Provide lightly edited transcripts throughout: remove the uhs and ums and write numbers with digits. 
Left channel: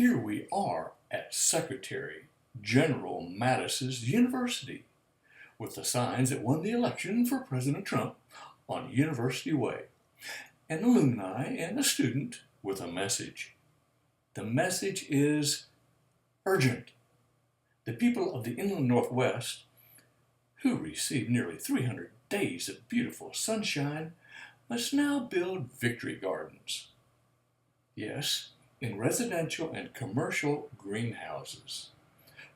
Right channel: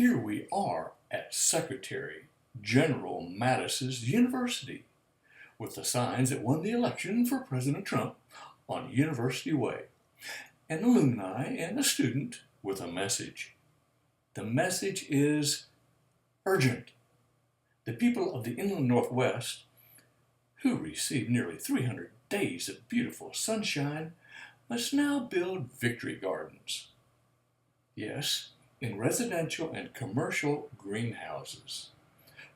Here we are at Secretary General Mattis's university with the signs that won the election for President Trump on University Way, an alumni and a student with a message. The message is urgent. The people of the inland Northwest, who received nearly 300 days of beautiful sunshine, must now build victory gardens. Yes, in residential and commercial greenhouses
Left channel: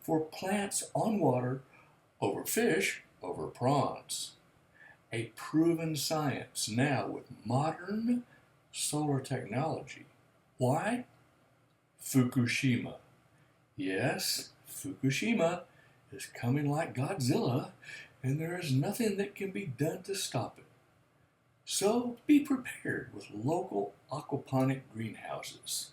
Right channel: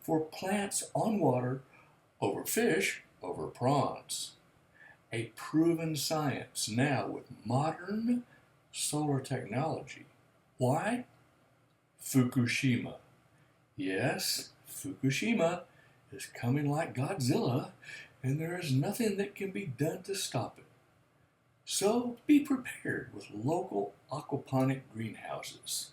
for plants on water over fish over prawns. A proven science now with modern solar technology. Why? Fukushima. Yes, Fukushima is coming like Godzilla, and there is nothing that can be done to stop it. So be prepared with local aquaponic greenhouses.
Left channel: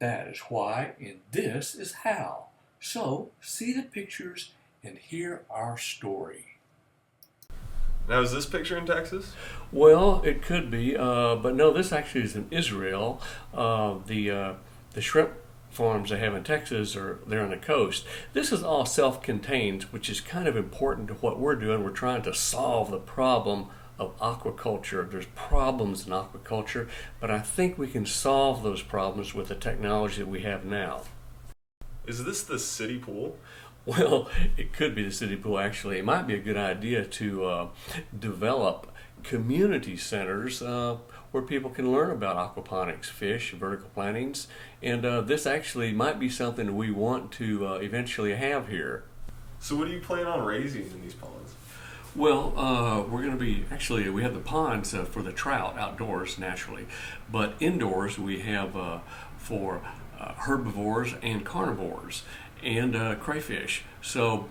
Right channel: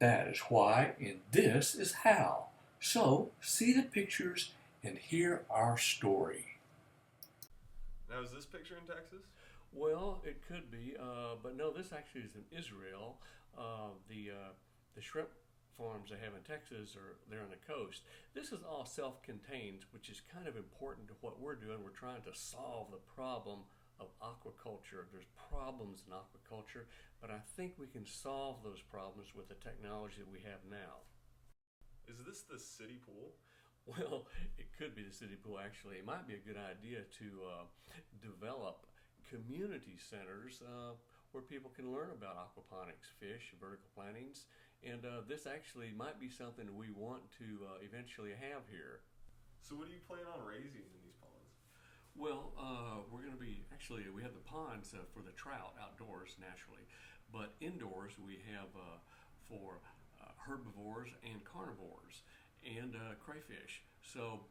That is why, and this is how. So see the pictures and hear our story. Now, is this picture in Texas? Well, it could be, but no, this actually is in Israel. The shrimp farms they have in Texas they're on the coast. This is all self-contained, which is kind of important to what we're doing. We're trying to solve the problem of aquaculture. There's problems in aquaculture, but I think we can solve those problems with the technology that we have now. Is this the city pool? Well, it could be the city pool actually. It might be a good idea to develop community centers where people can learn about aquaponics, fish, vertical plantings, and this actually might be something we want to eventually have here. So what do you plan on raising in these ponds? Well, we're going to be, actually, we have the ponds for the trout outdoors naturally, but indoors we have for herbivores and carnivores and crayfish. So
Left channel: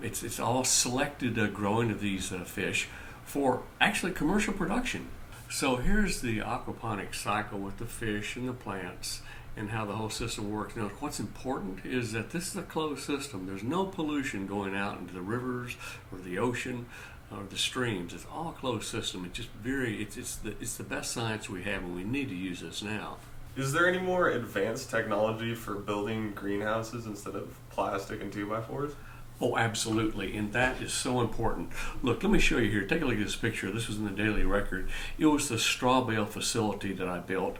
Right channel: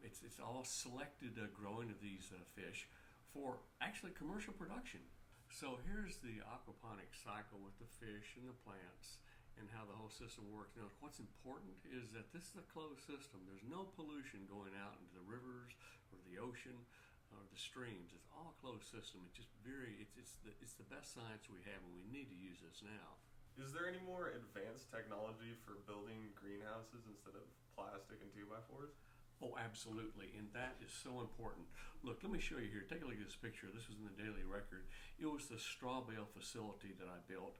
it's all selected growing of these fish for actually commercial production. So here's the aquaponic cycle with the fish and the plants and how the whole system works. Now, what's important is that this is a closed system. There's no pollution going out into the rivers or the ocean or the streams. It's all a closed system. It's just it's the best science we have, and we need to use this now. Is there any more advanced technology for building greenhouses instead of plastic and 2x4s? Oh, absolutely, and that is so important. Look, let me show you here. Take a look at this picture. This was in the Daily Record. It was the straw bale facility that I built.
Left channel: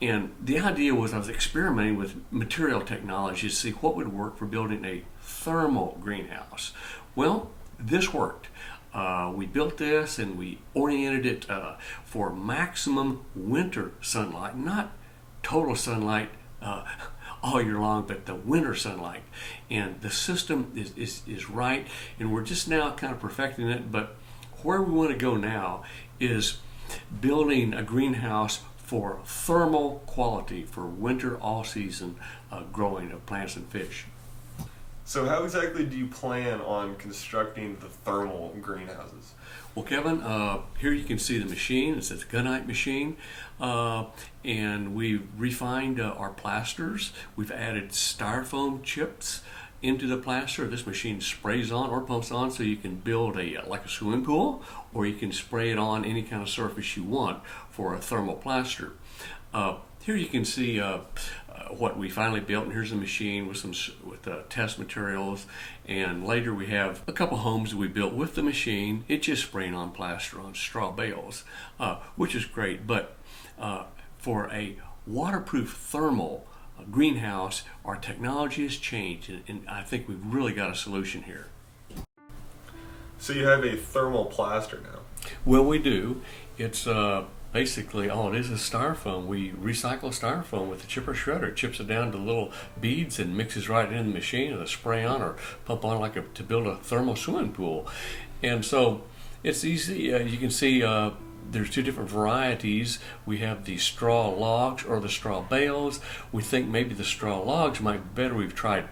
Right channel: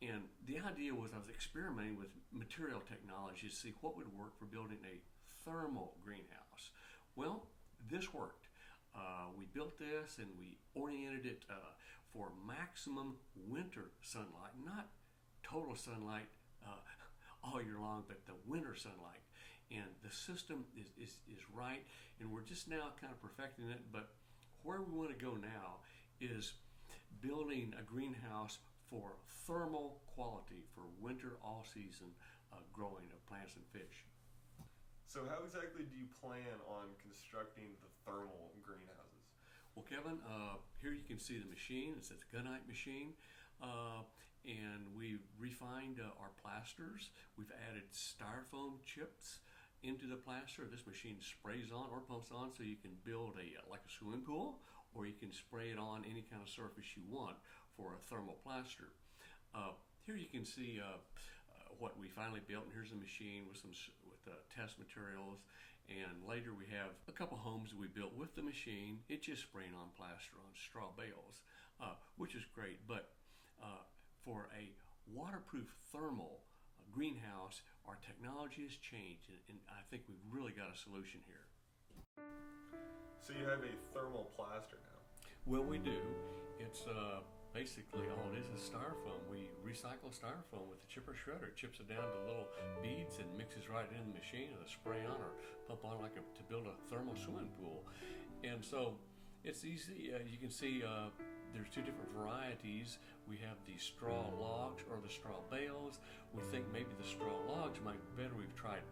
And the idea was I was experimenting with material technology to see what would work for building a thermal greenhouse. Well, this worked. We built this and we oriented it for maximum winter sunlight, not total sunlight all year long, but the winter sunlight. And the system is right, and we're just now kind of perfecting it. But where we want to go now is building a greenhouse for thermal quality for winter all season growing of plants and fish. So how exactly do you plan on constructing the thermal greenhouses? Well, Kevin, here you can see the machine. It's a gunite machine, and we've refined our plasters. We've added styrofoam chips into the plaster. This machine sprays on or pumps on, so you can build like a swimming pool, or you can spray it on any kind of surface you want for a thermal plaster. Here you can see what we finally built, and here's the machine with test materials. And later we have a couple homes that we built with the machine. It's just spraying on plaster on straw bales, which is great. But for a waterproof thermal greenhouse, our technology has changed, and I think we've really got a solution here. So you have a thermal plaster now? Well, we do. It's basically all it is styrofoam. We recycle styrofoam with the chipper shredder. It chips it down to little beads and mixes right in the machine with a spray on or pump on to build a thermal swimming pool. And so it's easy. You can see there's two different varieties. We have the straw logs or the straw bales. We think maybe the straw logs might be better. We've tried.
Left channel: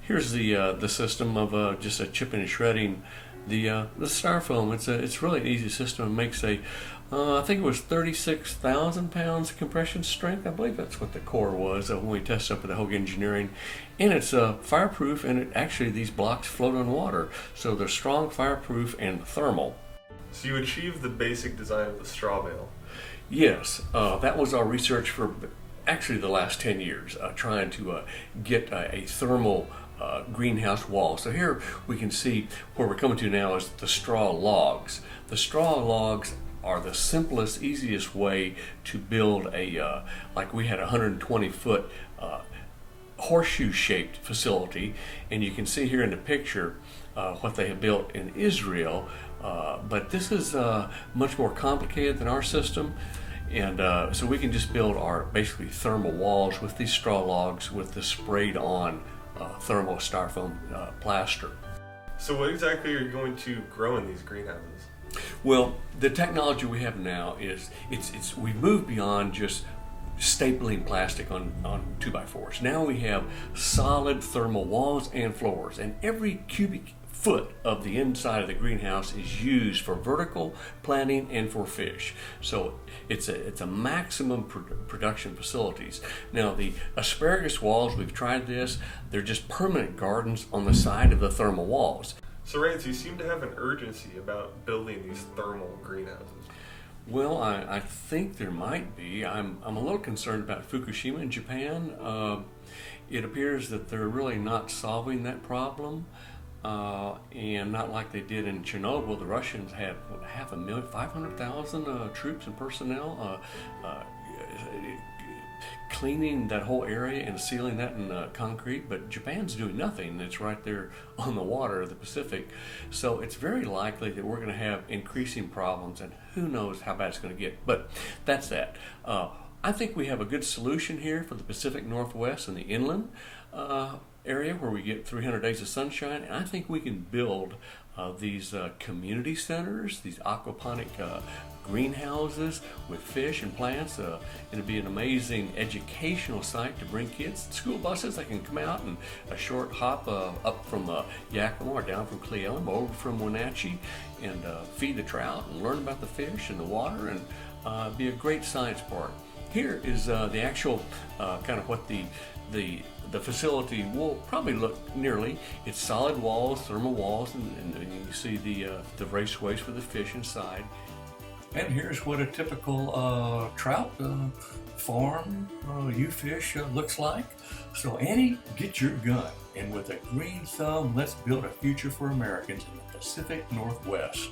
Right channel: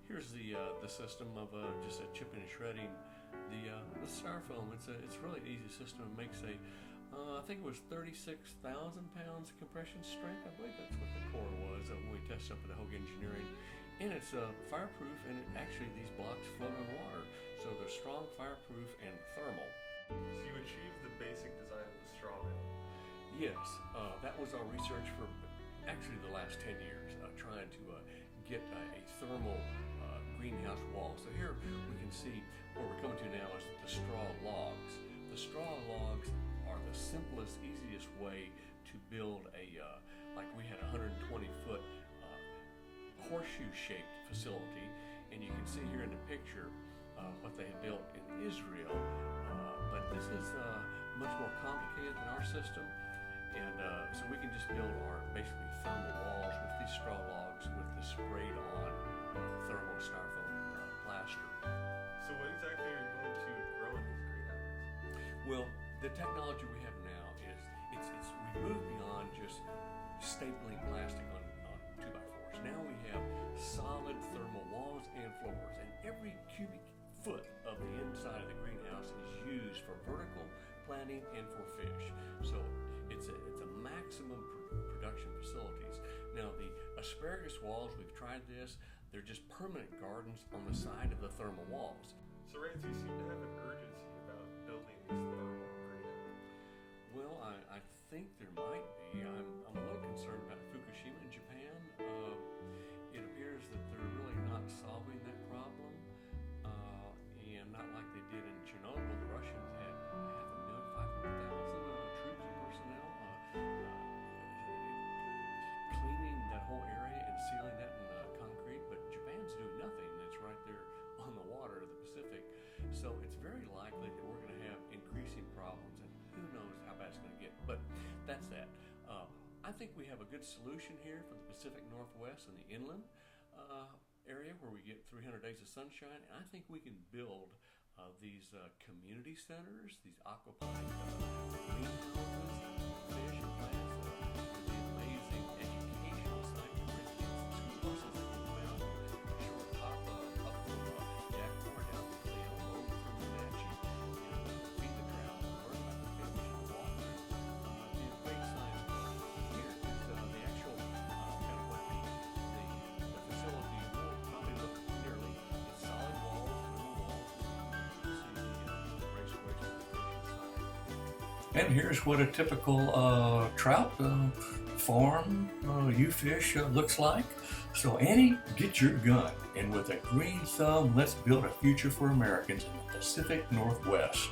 Here's the system of just a chipping and shredding the styrofoam. It's really an easy system. It makes I think it was 36,000 pounds of compression strength. I believe that's what the core was when we tested up with the Hogue Engineering. And it's fireproof, and these blocks float on water. So they're strong, fireproof, and thermal. So you achieved the basic design of the straw bale. Yes, that was our research for actually the last 10 years, trying to get a thermal greenhouse wall. So here we can see where we're coming to now is the straw logs. The straw logs are the simplest, easiest way to build a, like we had a 120-foot horseshoe-shaped facility, and you can see here in the picture what they have built in Israel. But this is much more complicated than our system, and so we can just build our basically thermal walls with these straw logs with the sprayed on thermal styrofoam plaster. So what exactly are you going to grow in these greenhouses? Well, the technology we have now is we've moved beyond just stapling plastic on 2x4s. Now we have solid thermal walls and floors, and every cubic foot of the inside of the greenhouse is used for vertical planting and for fish. So it's a maximum production facilities. Now the asparagus walls, we've tried this, they're just permanent gardens on the side of the thermal walls. So Rance, you seem to have an urgency about building these thermal greenhouses. Well, I think there might be. I'm a little concerned about Fukushima in Japan. It appears that they're really not solving that problem. And not like they did in Chernobyl. The Russians had 500,000 troops and personnel cleaning that whole area and sealing that in concrete, but Japan's doing nothing. It's right there on the water of the Pacific. So it's very likely that we're going to have increasing problems, and who knows how bad it's going to get. But that's that. I think we have a good solution here for the Pacific Northwest and the inland area where we get 300 days of sunshine, and I think we can build these community centers, these aquaponic greenhouses with fish and plants. It'll be an amazing educational site to bring kids. School buses that can come out and a short hop up from Yakima or down from Cleoma over from Wenatchee and feed the trout and learn about the fish and the water, and be a great science park. Here is the actual kind of what the facility will probably look nearly. It's solid walls, thermal walls, and you can see the raceways for the fish inside. And here's what a typical trout farm U-fish looks like. So Annie, get your gun, and with a green thumb, let's build a future for Americans in the Pacific Northwest.